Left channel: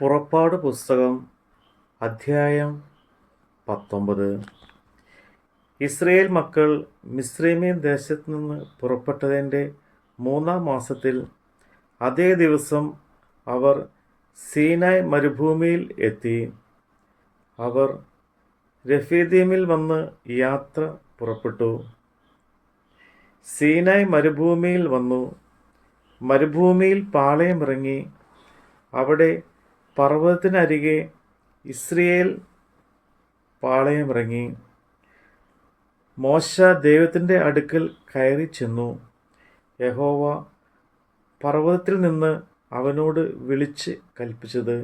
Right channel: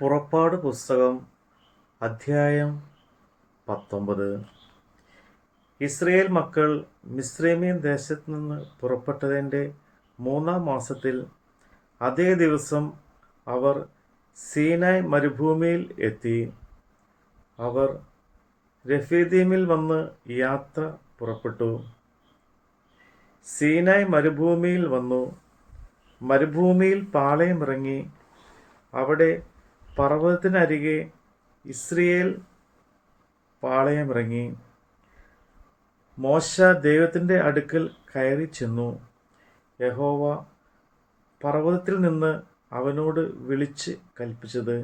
പുറപ്പാട് പുസ്തകം അധ്യായം 19. ഇസ്രയേൽ മക്കൾ മിസ്രയീം ദേശത്തു നിന്ന് പുറപ്പെട്ടതിൻ്റെ 3-ാം മാസത്തിൽ അതേ ദിവസം അവർ സീനായ് മരുഭൂമിയിൽ എത്തി. അവർ രഫീദീമിൽ വന്ന് യാത്ര പുറപ്പെട്ടു. സീനായ് മരുഭൂമിയിൽ വന്നു. മരുഭൂമിയിൽ പാളയമിറങ്ങി. അവിടെ പർവ്വതത്തിനരികെ ഇസ്രയേൽ പാളയമിറങ്ങി. മോശ ദൈവത്തിൻ്റെ അടുക്കൽ കയറി ചെന്നു. യഹോവ പർവ്വതത്തിൽ നിന്ന് അവനോട് വിളിച്ച് കൽപ്പിച്ചത്,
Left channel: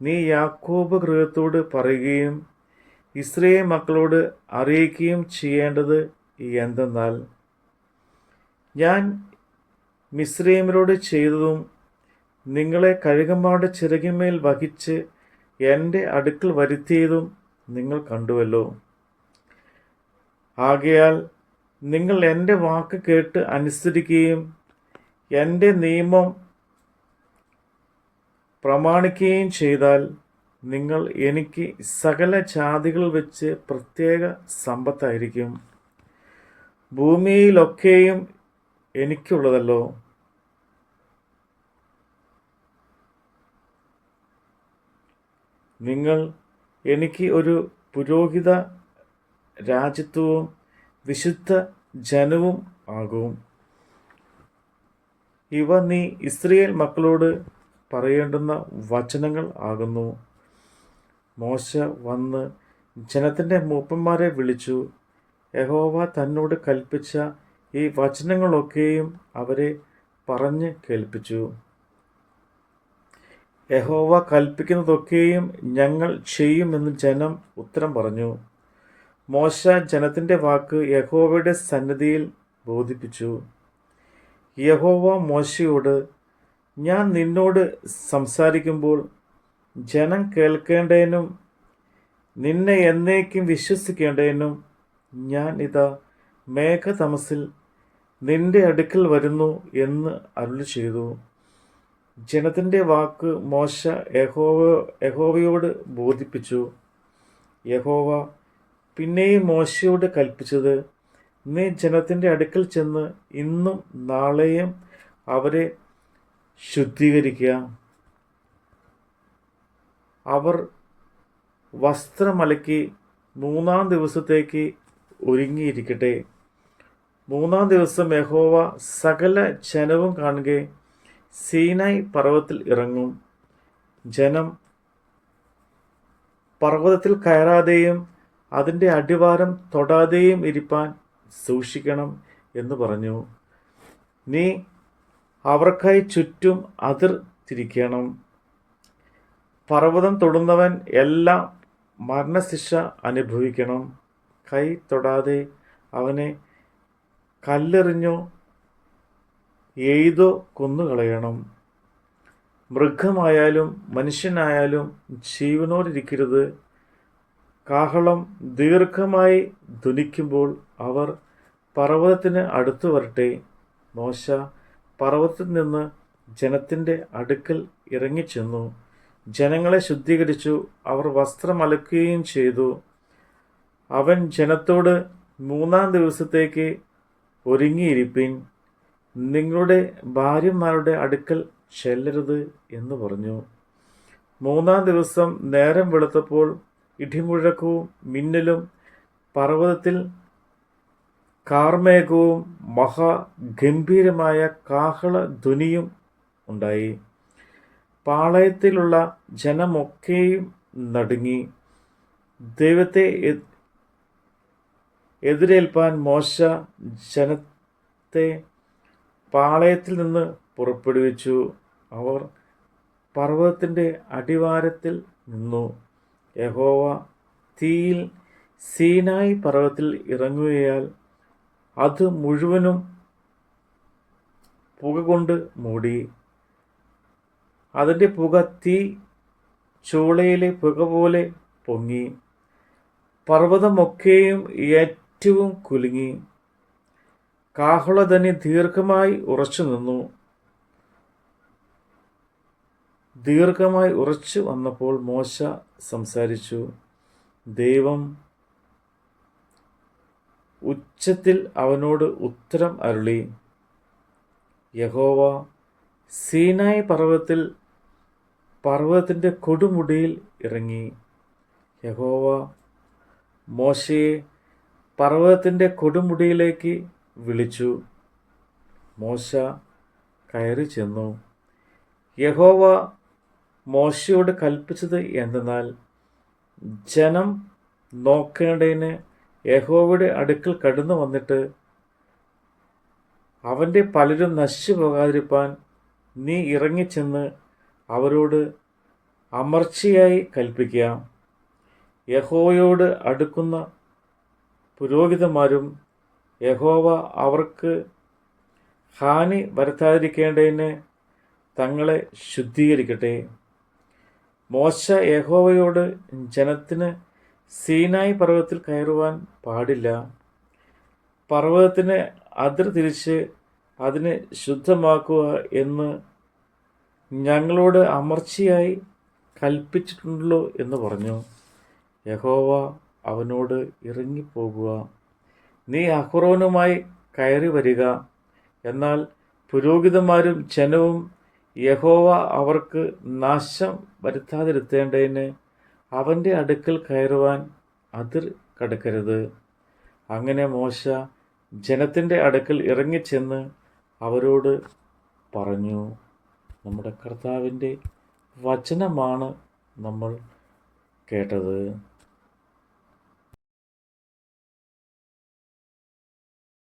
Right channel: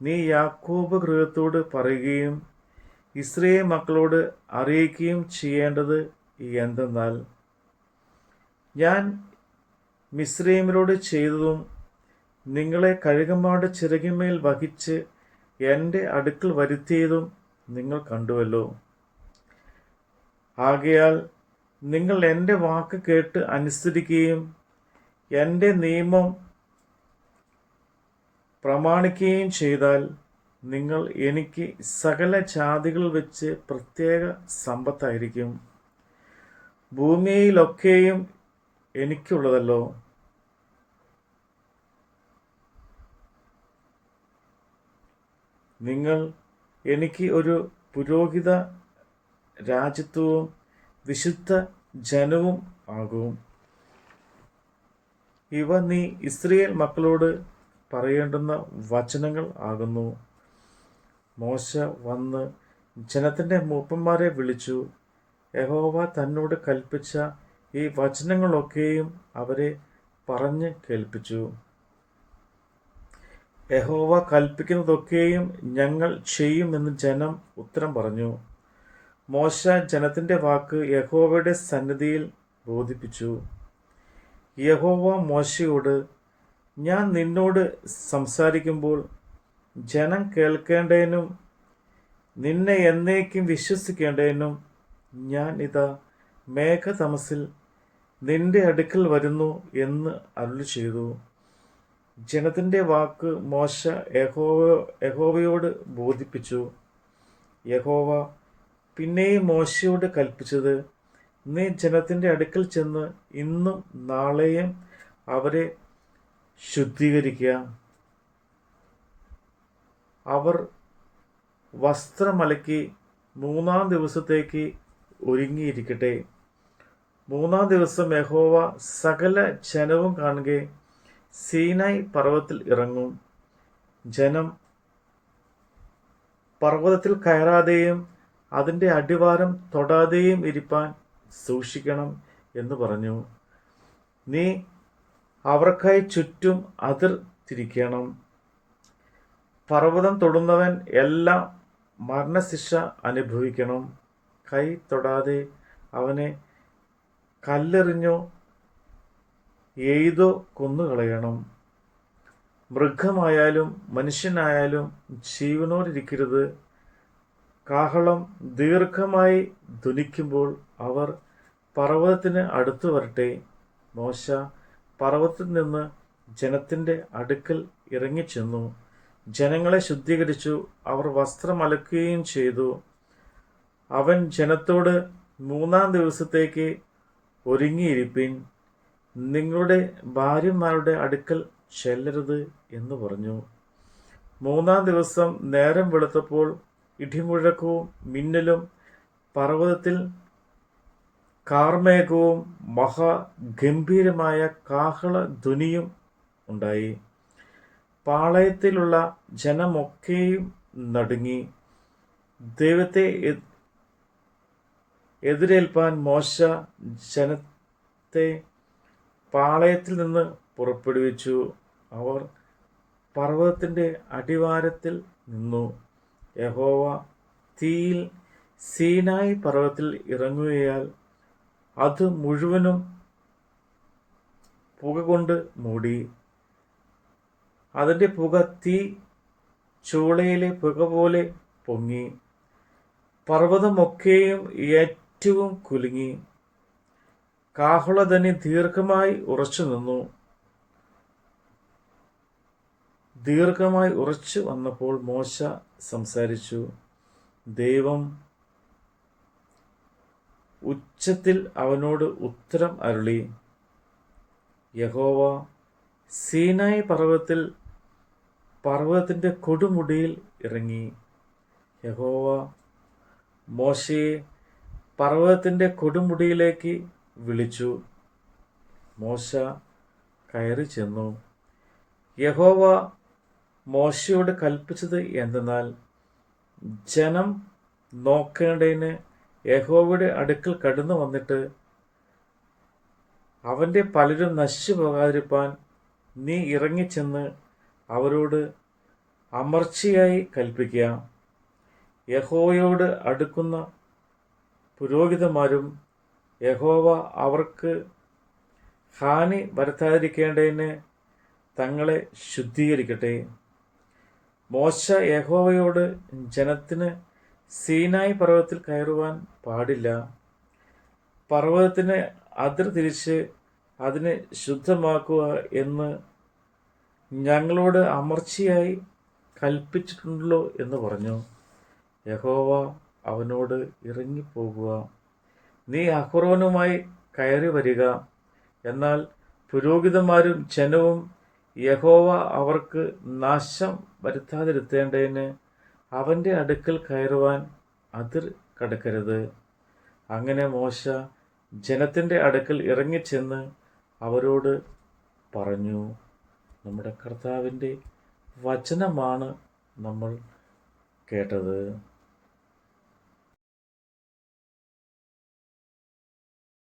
നീ യാക്കോബ് ഗൃഹത്തോട് പറയുകയും ഇസ്രയേൽ മക്കളോട് അറിയിക്കുകയും ചെയ്യേണ്ടത് എന്തെന്നാൽ, ഞാൻ മിസ്രയീമ്യരോട് ചെയ്തതും നിങ്ങളെ കഴുകന്മാരുടെ ചിറകിന്മേൽ വഹിച്ച് എൻ്റെ അടുക്കൽ വരുത്തിയതും നിങ്ങൾ കണ്ടുവല്ലോ. ആകയാൽ നിങ്ങൾ എൻ്റെ വാക്ക് കേട്ട് അനുസരിക്കുകയും എൻ്റെ നിയമം പ്രമാണിക്കുകയും ചെയ്താൽ നിങ്ങൾ എനിക്ക് സകല ജാതികളിൽ വെച്ച് പ്രത്യേക സമ്പത്തായിരിക്കും. ഭൂമിയിലൊക്കെയും എനിക്കുള്ളതല്ലോ. നിങ്ങൾ എനിക്ക് ഒരു പുരോഹിത രാജ്യത്വവും വിശുദ്ധ ജനവും ആകും. ഇവ നീ ഇസ്രയേൽ മക്കളോട് പറയേണ്ടുന്ന വചനങ്ങൾ ആകുന്നു. മോശ വന്ന് ജനത്തിൻ്റെ മൂപ്പന്മാരെ വിളിച്ചു. യഹോവ തന്നോട് കൽപ്പിച്ച ഈ വചനങ്ങളൊക്കെയും അവരെ പറഞ്ഞ് കേൾപ്പിച്ചു. യഹോവ കൽപ്പിക്കുന്നതൊക്കെയും ഞങ്ങൾ ചെയ്യുമെന്ന് ജനം ഉത്തരം പറഞ്ഞു. മോശ ജനത്തിൻ്റെ വാക്ക് യഹോവയുടെ സന്നിധിയിൽ ബോധിപ്പിച്ചു. യഹോവ മോശയോട്, ഞാൻ നിന്നോട് സംസാരിക്കുമ്പോൾ ജനം കേൾക്കേണ്ടതിനും നിന്നെ എന്നേക്കും വിശ്വസിക്കേണ്ടതിനും ഞാൻ ഇതാ മേഘതമസിൽ നിന്റെ അടുക്കൽ വരുന്നു എന്ന് അരുളി ചെയ്തു. ജനത്തിൻ്റെ വാക്ക് മോശ യഹോവയോട് ബോധിപ്പിച്ചു. യഹോവ പിന്നെയും മോശയോട് കൽപ്പിച്ചത്, നീ ജനത്തിൻ്റെ അടുക്കൽ ചെന്ന് ഇന്നും നാളെയും അവരെ ശുദ്ധീകരിക്കുക. അവർ വസ്ത്രമലക്കി 3-ാം ദിവസത്തേക്ക് ഒരുങ്ങിയിരിക്കട്ടെ. 3-ാം ദിവസം യഹോവ സകല ജനവും കാണുക സീനായ് പർവ്വതത്തിൽ ഇറങ്ങും. ജനം പർവ്വതത്തിൽ കയറാതെയും അതിൻ്റെ അടിവാരം തൊടാതെയും ഇരിപ്പാൻ സൂക്ഷിക്കണം എന്ന് പറഞ്ഞു. നീ അവർക്കായി ചുറ്റും അതിർ തിരിക്കണം. പർവ്വതം തൊടുന്നവൻ എല്ലാം മരണശിക്ഷ അനുഭവിക്കണം. കൈ തൊടാതെ അവനെ കല്ലെറിഞ്ഞോ എയ്തോ കൊന്നുകളയണം. മൃഗമായാലും മനുഷ്യനായാലും ജീവനോടിരിക്കരുത്. കാഹളം ദീർഘമായി ധ്വനിക്കുമ്പോൾ അവർ പർവ്വതത്തിന് അടുത്ത് വരട്ടെ. മോശ പർവ്വതത്തിൽ നിന്ന് ജനത്തിൻ്റെ അടുക്കൽ ഇറങ്ങിച്ചെന്നു. ജനങ്ങളെ ശുദ്ധീകരിച്ചു. അവർ വസ്ത്രം അലക്കുകയും ചെയ്തു. അവൻ ജനത്തോട്, 3-ാം ദിവസത്തേക്ക് ഒരുങ്ങിയിരിപ്പിൻ, നിങ്ങളുടെ ഭാര്യമാരുടെ അടുക്കൽ ചെല്ലരുത് എന്ന് പറഞ്ഞു. 3-ാം ദിവസം നേരം വെളുത്തപ്പോൾ ഇടിമുഴക്കവും മിന്നലും പർവ്വതത്തിൽ കാർമേഘവും മഹാഗംഭീരമായ കാഹളധ്വനിയും ഉണ്ടായി. പാളയത്തിലുള്ള ജനമൊക്കെയും നടുങ്ങി. ദൈവത്തെ എതിരേൽപ്പാൻ മോശ ജനത്തെ പാളയത്തിൽ നിന്ന് പുറപ്പെടുവിച്ചു. അവർ പർവ്വതത്തിൻ്റെ അടിവാരത്തിൽ നിന്നു. യഹോവ തീയിൽ സീനായ് പർവ്വതത്തിൽ ഇറങ്ങുകയാൽ അത് മുഴുവനും പുക കൊണ്ട് മൂടി. അതിൻ്റെ പുക തീ ചൂളയിലെ പുക പോലെ പൊങ്ങി. പർവ്വതമൊക്കെയും ഏറ്റവും കുലുങ്ങി. കാഹളധ്വനി ദീർഘമായി ഉറച്ചു നിന്നു. ദീർഘമായി ഉറച്ചു വന്നപ്പോൾ മോശ സംസാരിച്ചു. ദൈവം ഉച്ചത്തിൽ അവനോട് ഉത്തരം അരുളി. യഹോവ സീനായി പർവ്വതത്തിൻ്റെ കൊടുമുടിയിൽ ഇറങ്ങി. യഹോവ മോശയെ പർവ്വതത്തിൻ്റെ കൊടുമുടിയിലേക്ക് വിളിച്ചു. മോശ കയറി ചെന്നു. യഹോവ മോശയോട് കൽപ്പിച്ചത് എന്തെന്നാൽ, ജനം നോക്കേണ്ടതിന് യഹോവയുടെ അടുക്കൽ കടന്നു വന്നിട്ട് അവൻ്റെ പലരും നശിച്ചു പോകാതിരിപ്പാൻ നീ ഇറങ്ങിച്ചെന്ന് അവരോട് അമർച്ചയായി കൽപ്പിക്കുക. യഹോവയോട് അടുക്കുന്ന പുരോഹിതന്മാരും യഹോവ അവർക്ക് ഹാനി വരുത്താതിരിക്കേണ്ടതിന് തങ്ങളെ ശുദ്ധീകരിക്കട്ടെ. മോശ യഹോവയോട്, ജനത്തിന് സീനായി പർവ്വതത്തിൽ കയറുവാൻ പാടില്ല, പർവ്വതത്തിന് അതിർ തിരിച്ച് അതിനെ ശുദ്ധമാക്കുക എന്ന് ഞങ്ങളോട് അമർച്ചയായി കൽപ്പിച്ചിട്ടുണ്ടല്ലോ എന്ന് പറഞ്ഞു. യഹോവ അവനോട്, ഇറങ്ങിപ്പോകുക, നീ അഹ്റോനുമായി കയറി വരിക. എന്നാൽ പുരോഹിതന്മാരും ജനവും യഹോവ അവർക്ക് നാശം വരുത്താതിരുത്തേണ്ടതിന് അവൻ്റെ അടുക്കൽ കയറുവാൻ അതിർ കടക്കരുത്. അങ്ങനെ മോശ ജനത്തിൻ്റെ അടുക്കൽ ഇറങ്ങിച്ചെന്ന് അവരോട് പറഞ്ഞു. നമ്മുടെ കർത്താവിൻ്റെ വചനമാണ് നമ്മൾ കേട്ടത്.